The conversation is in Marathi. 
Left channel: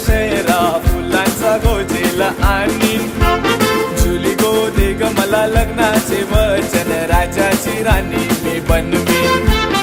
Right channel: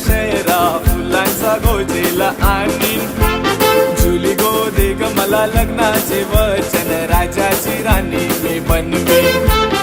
दशेरा फुलांचा गोजेला आणीन जुली गो दे ग मला लग्नाचे वचन राजाची राणी मी बनवीन